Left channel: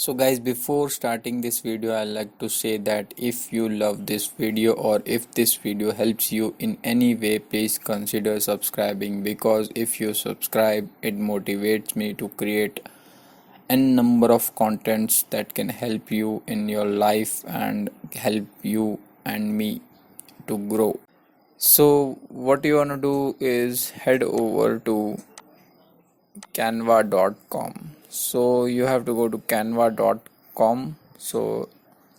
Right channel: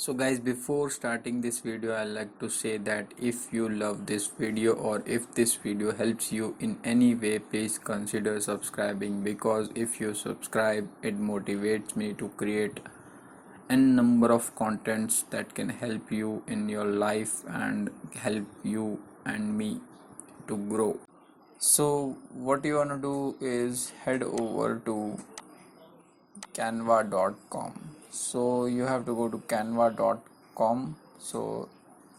So guys, before starting this video, I'd like to say that if you love this video or if this video helps you in any way, please consider subscribing, because if you subscribe, it motivates me to create n number of contents that can help you in your life and help you and me to grow. So what you want to do is head over to canva.com. So you have to go to canva.com. So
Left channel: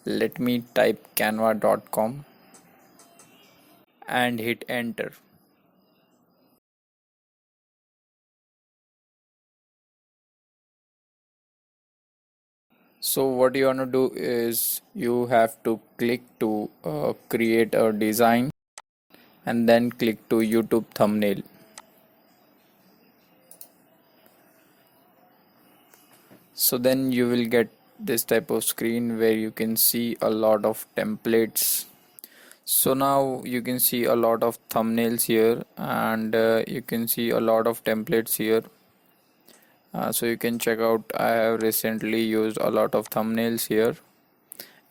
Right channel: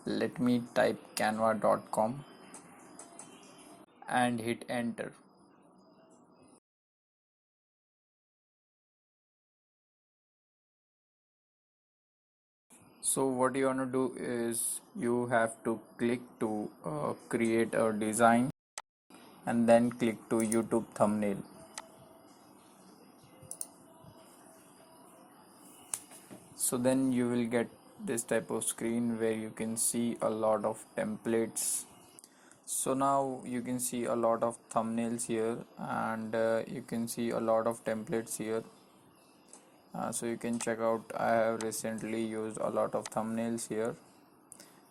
let me type canva.com and hit enter. So what you want to do is you have to click to create a design and then click to YouTube thumbnail. So then you will get this type of screen where you can see a lot of templates. So now you can see a lot of thumbnails here, and you can see a lot of templates here. So you can check out, I have recently used a lot of thumbnails here.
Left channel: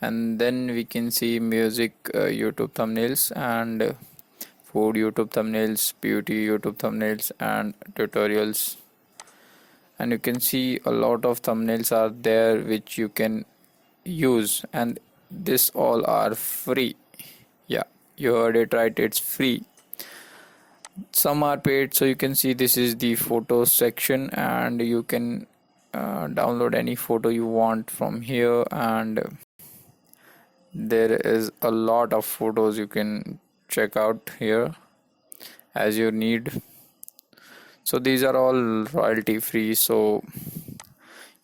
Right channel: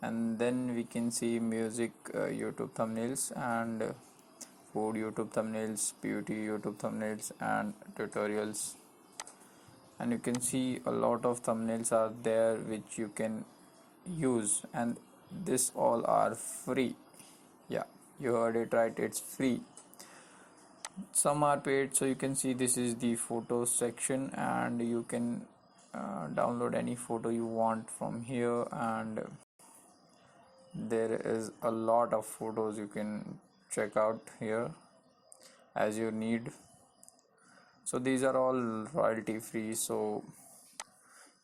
And then we can see music YouTube thumbnails, and food YouTube thumbnails, beauty YouTube thumbnails, and tutorials. And you can see a lot of thumbnails are there which you can use, and this all are free. Yeah, you heard it right, it's free. Some are paid. So you can see this is the photos section, and you can download any photo you want from here, and there is a lot of photos you can check out here as you need. So these are all royalty free, so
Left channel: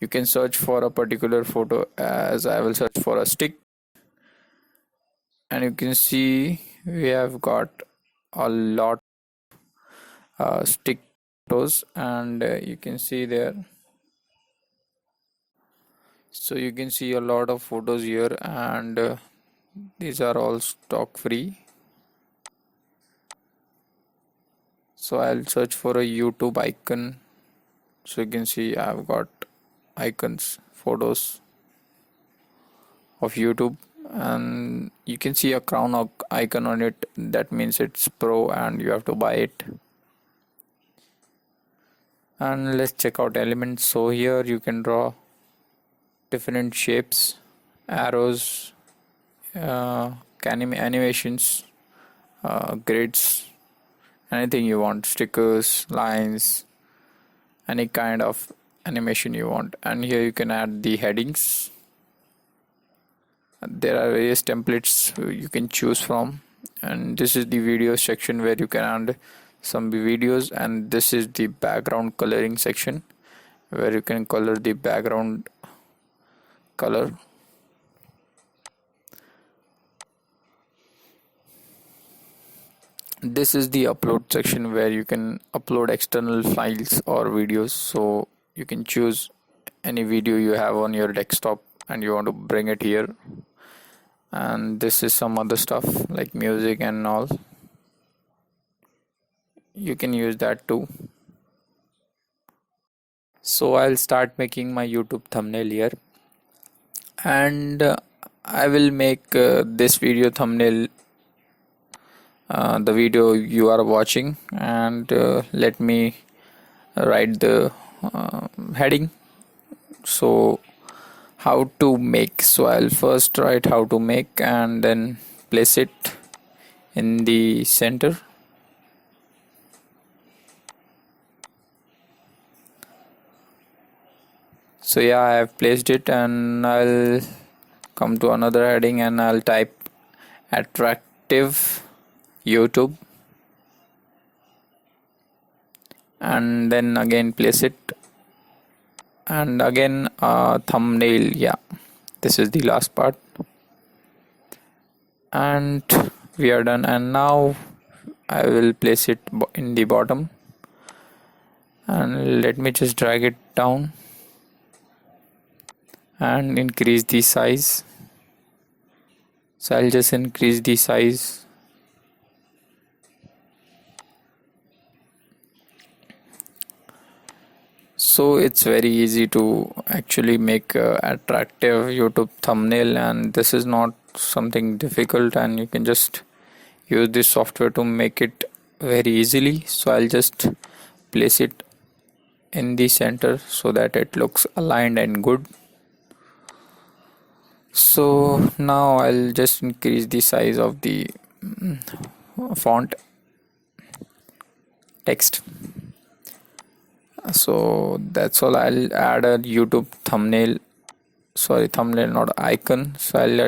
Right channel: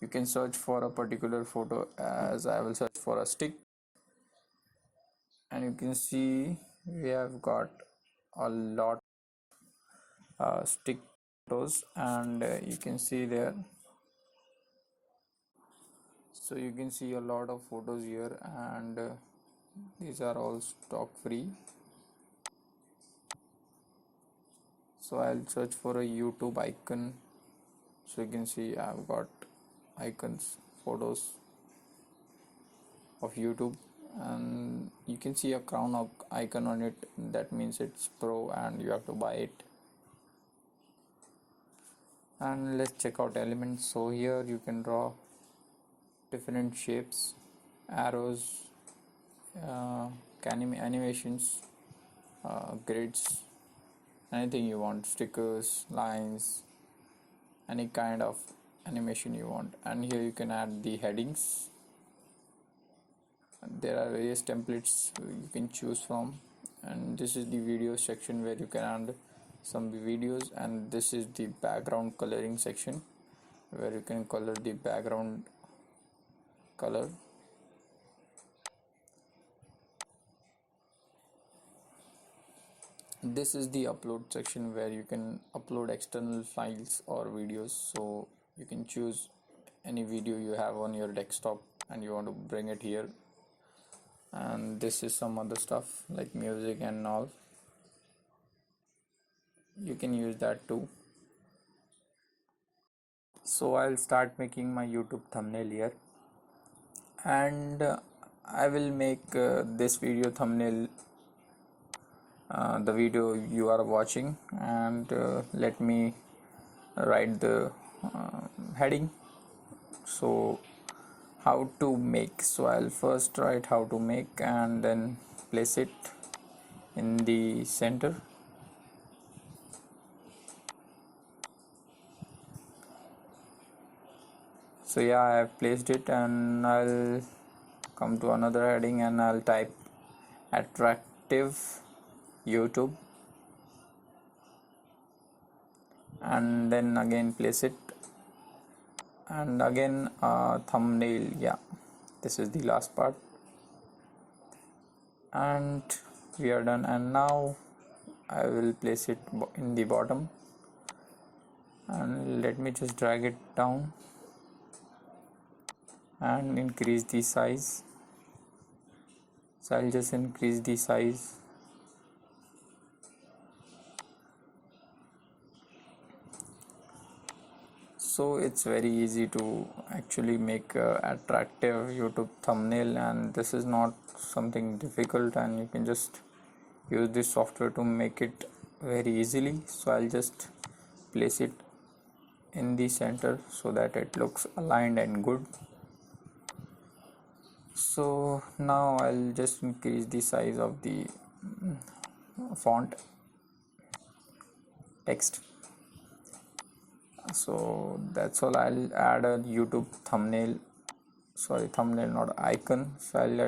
you can search for a particular photo, as I will search for a stick. And you can see we have got a lot stick photos, and you can see there. So you can see a lot of photos here, and these are all stock free. So I'll search for a YouTube icon. So you can see I've got icons, photos of YouTube, and you can see a crown icon on it. That means it's pro and you have to buy it. And let's check out elements. So here you can draw different shapes, arrows, uh, animations, grids, anything you want, stickers, lines, any kind of animation you want. And here you can add the headings. There are various templates you can choose from, and this is the video section where you can add some videos, and this is the background coloring section where you can color the background color. This is the upload section where you can upload external files or videos. So you can choose any video you have on your desktop and you want to bring it here. And this is some other stuff like music and all, you can use that too. So I'll start making my YouTube thumbnail here, and I will make this video thumbnail the video you are watching, and let me write the heading. So how to make, so I'll first write how to make and then place it in the center. So yeah, I have placed it, and I'll come to another heading and I'll type attractive YouTube, and then again place it, and again thumbnail. Yeah, this is the last part, and we are done. And now I will place it in the bottom, and let me just drag it down and increase the size. So I'll just increase the size. So it's very easy to actually make a attractive YouTube thumbnail, and this is not something difficult, and you can just use this software to make it very easily. So I'll just place it in the center so that it looks aligned and good. So now I'll just increase the size of the font text. So that's all. I'll add a YouTube thumbnail, sorry, thumbnail not icon. So I'll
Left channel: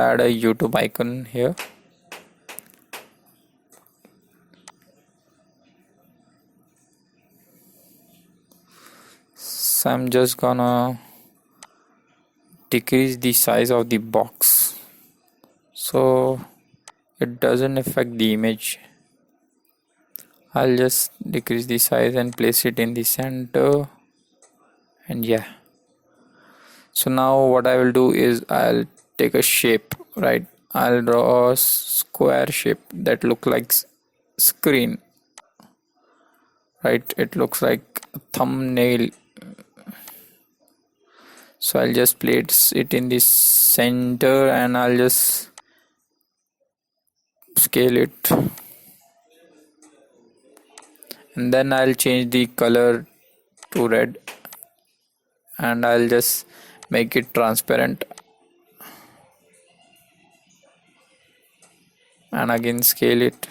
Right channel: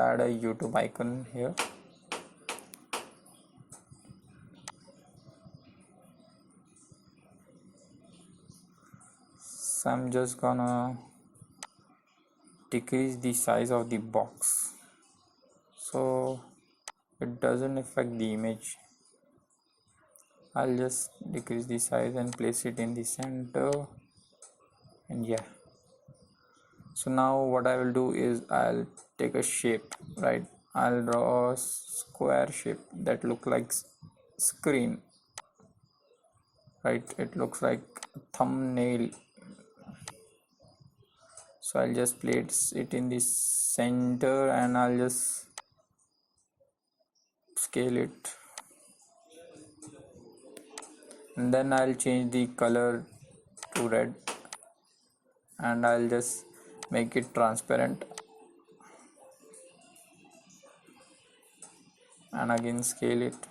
add a YouTube icon here. So I'm just gonna decrease the size of the box so it doesn't affect the image. I'll just decrease the size and place it in the center, and yeah. So now what I will do is I'll take a shape, right? I'll draw a square shape that look like screen, right? It looks like a thumbnail. So I'll just place it in the center and I'll just scale it, and then I'll change the color to red, and I'll just make it transparent, and again scale it.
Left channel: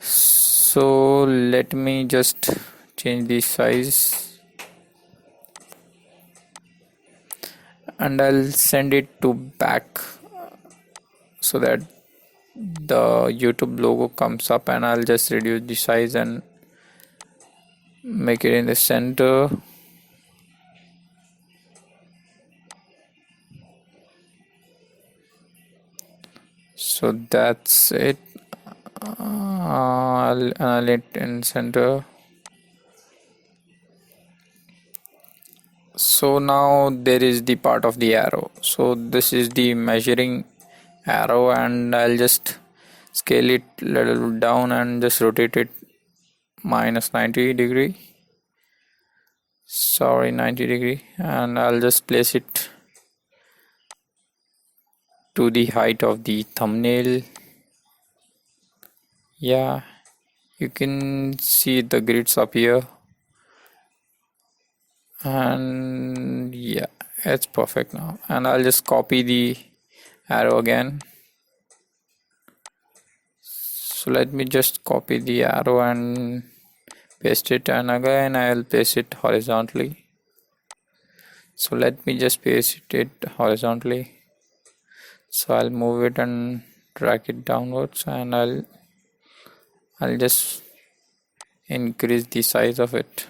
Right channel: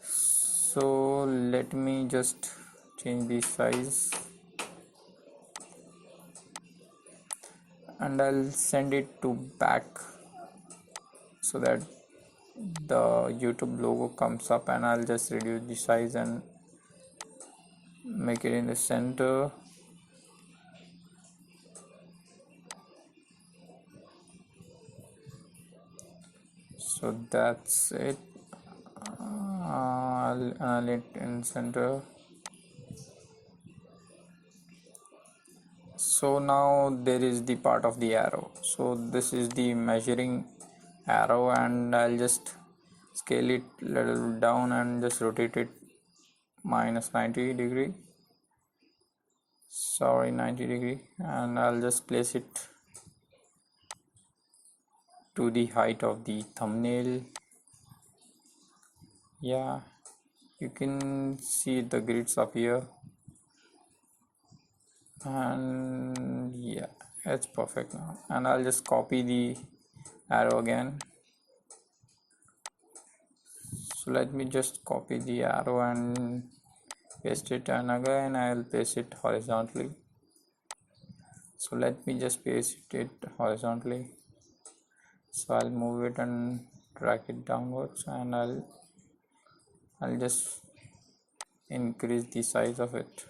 So let me just change the size, and I'll send it to back so that the YouTube logo comes up, and I'll just reduce the size and make it in the center. So that's it. I'll it in center. So now there is the part of the arrow. So this is the measuring arrow, and I'll just scale it little down and just rotate it minus 90 degree, sorry, 90 degree, and I'll just place it to the height of the thumbnail. Yeah, you can see the grids up here, and yeah, it's perfect now. And I'll just copy the arrow again. So let me just copy the arrow and paste it, and again I'll paste it horizontally. So let me just paste it horizontally. So I'll move it and drag it downwards, and I'll just increase the size of it.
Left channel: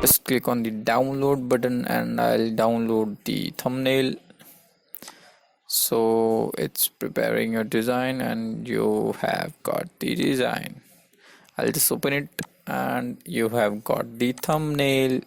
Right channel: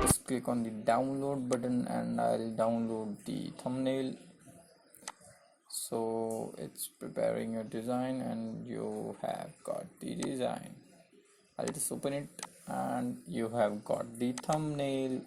Just click on the download button and I'll download the thumbnail. So it's preparing your design, and you have got the design. I'll just open it, and you have got the thumbnail.